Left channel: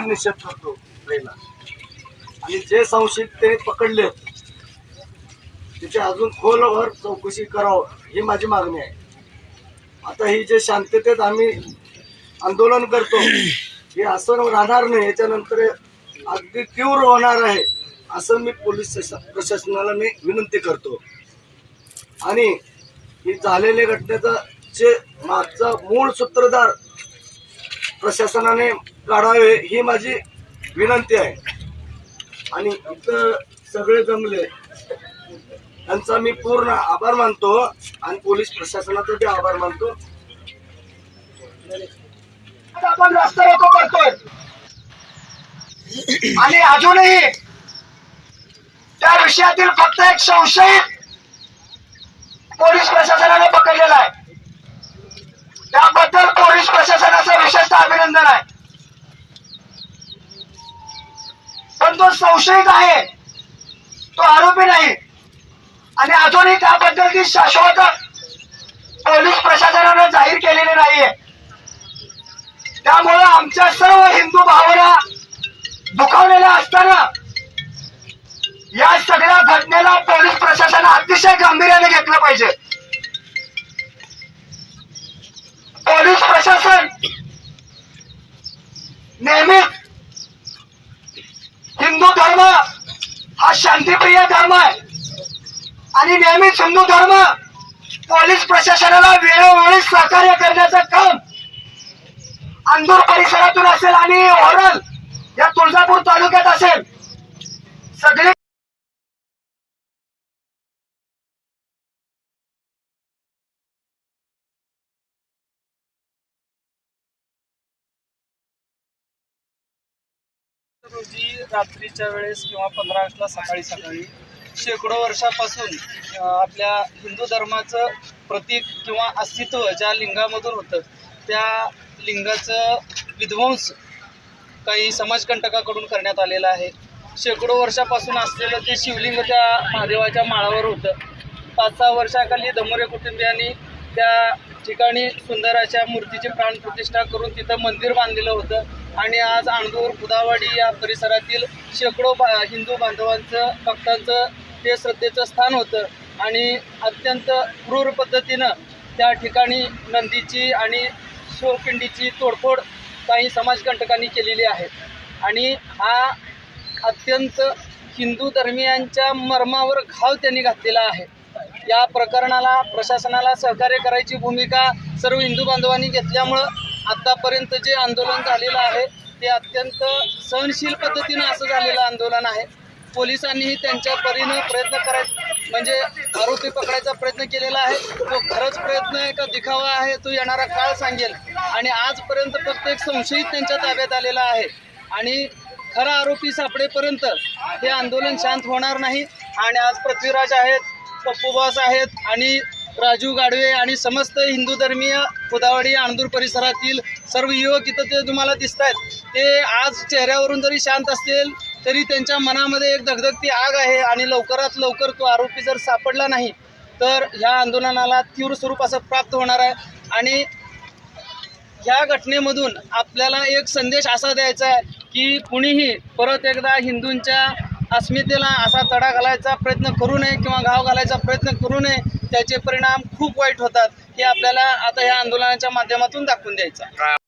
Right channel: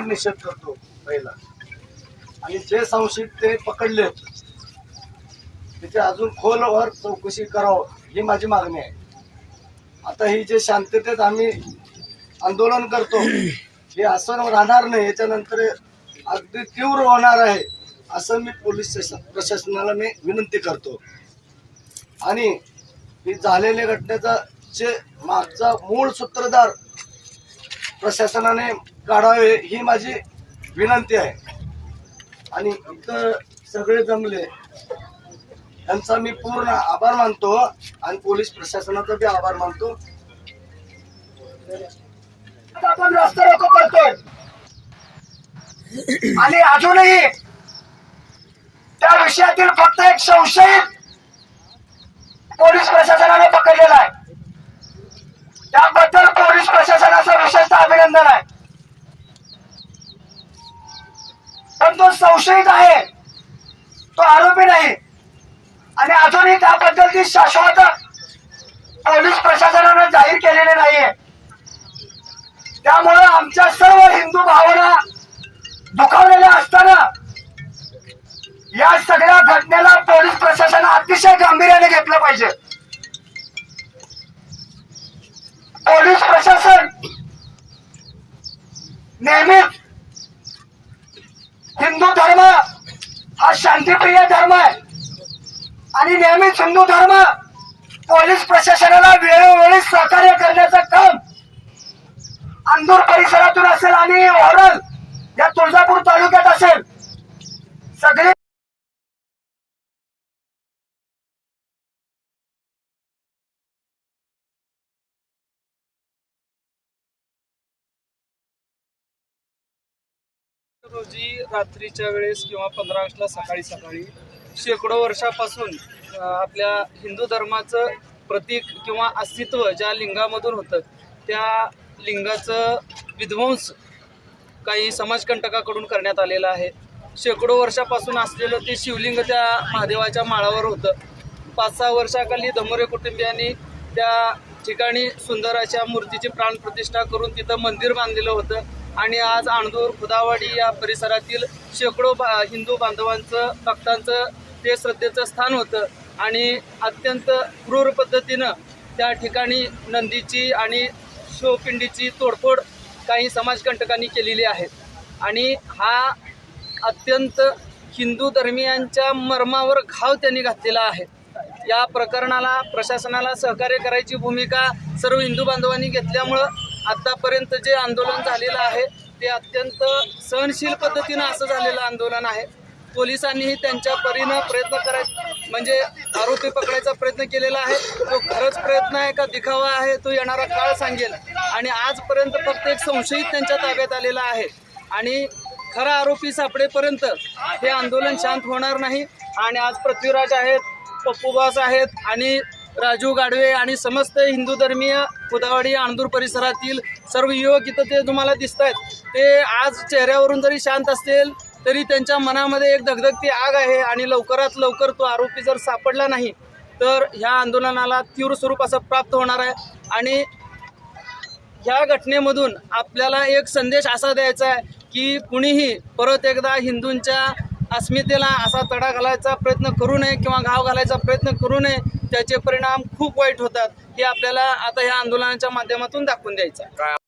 जाहीर निषेध करतो पहिला आणि जे संशयित ते पकडले त्याची अजून खोलवर चौकशी करावं ही माझी मागणी आहे. आता ही जे शांततेत आम्ही आंदोलन करतो हे असं राहणार नाही याच्यानंतर अगदी तीव्र होणार आहे असं मी पोलीस प्रशासनाला मी विनंती करतो. आणि ही झालेल्या घटनेचा जे मागचा मूळ सूत्रधार प्रशासनाने काढावे ही माझी विनंती आहे. आणि इथं सगळे जमले. यांचा मी पूर्ण आभार मानतो आणि पोलीस प्रशासनाचा बी आभार मानतो. आपण रस्ता रोको करतोय. आणि अजूनही त्या विषयातील फक्त एक संशयित पोलीस प्रशासनाने पकडलेला आहे. त्याबद्दल पोलीस प्रशासनाचं विशेषतः अभिनंदन आहे. तो संशयित आहे. तो आरोपी नाही. आणि अजूनही त्याबद्दलची शाश्वत पोलीस प्रशासनाने जाहीर केलेली नाहीये. त्यामुळं आमच्या सर्व हिंदू भावना दुखावलेल्या असताना या सगळ्या घटनेला पोलीस प्रशासन अतिशय गांभीर्याने घेतलं पाहिजे. पोलीस प्रशासन नेहमीच हिंदू धर्म हा शांतीप्रिय धर्म आहे. आणि नेहमीच हिंदू धर्म पोलीस प्रशासनाला वेळोवेळी सहकार्य करण्याचं काम अंदूर परिसरातून असेल आणि ओरल या तुळजापूर तालुक्यात असेल. सगळे रोजी रात्रीच्या वेळेस किंवा पंधरा ऑगस्टला सकाळी सकाळी शेकडो वर्षापासून आपल्या हिंदू धर्माचं प्रतीक किंवा अस्तित्व ज्या लिंगामधून होतं त्या लिंगाचं विध्वंस काही समाजकंटकाकडून करण्यात आलेलं आहे. शेकडो वर्षापासून असलेलं ते शिवलिंग त्या महादेवाच्या माळावर होतं. पाच सहा वर्षाखाली धमोरे कुटुंबियांनी त्या ठिकाणी सुंदर अशा मूर्तीची प्राणप्रतिष्ठा करून तिथं मंदिर बांधलेलं होतं. आणि आज आणदूर खुदावाडी या परिसरातील शेकडो बा हिंदू बांधवांचं भक्तांचं ते श्रद्धेचं स्थान होतं. आणि अत्यंत क्रूर पद्धतीनं त्या ठिकाणी नंदीची आणि शिवपिंडीची तोडफोड काही समाजकंटकांनी केलेली आहे. आणि हा अत्यंत हिंदू धर्मियांच्या मर्मावर घाव त्यांनी घातलेला आहे. या प्रकरणाला प्रशासनाला सहकार्य करायची भूमिका सर्व हिंदू बांधवांनी घेतल्यामुळं आत्तापर्यंत जे आंदोलन झालेलं आहे ते अत्यंत सहनशील पद्धतीनं असं झालेलं आंदोलन आहे. पोलिसांनीही त्यांच्या परीनं प्रयत्न कराय म्हणजे आरोपी पकडायचा प्रयत्न केलेला आहे. तो खरंच प्रयत्न आहे का दिखावा आहे तो येणारा काळ सांगेल. आणि आजपर्यंत फक्त एक संशयित त्यांच्या ताब्यात आलेला आहे. आणि खरा आरोपी सापडेपर्यंत हे आंदोलन शांत होणार नाही. आणि आज पृथ्वीराज आहेत पप्पू बॉस आहेत आणि राजू गाडवे आणि समस्त हिंदू धर्मीय खुदावडी आणदूर परिसरातील सर्व युवक इथं ते तुम्हाला दिसत आहेत ते आज चेहऱ्यावरून जरी शांत असतील तरी त्यांच्या मनामध्ये एक धगधगती आग आहे आणि लवकरात लवकर तो आरोपी जर सापडला नाही तर ह्या आंदोलनाला तीव्र स्वरूप असं प्राप्त होणार आहे. आणि ह्या घटनेमधून आपल्याला एक संदेश असा द्यायचा आहे की कुणीही परत एकदा हिंदूंच्या अस्मितेला असा तडा घालायचा प्रयत्न करू नये किंवा घाव घालायचा प्रयत्न करू नये त्याचे परिणाम खूप वाईट होतात हे आपल्याला आता ह्या आंदोलनाच्या माध्यमातून दाखवून द्यायचं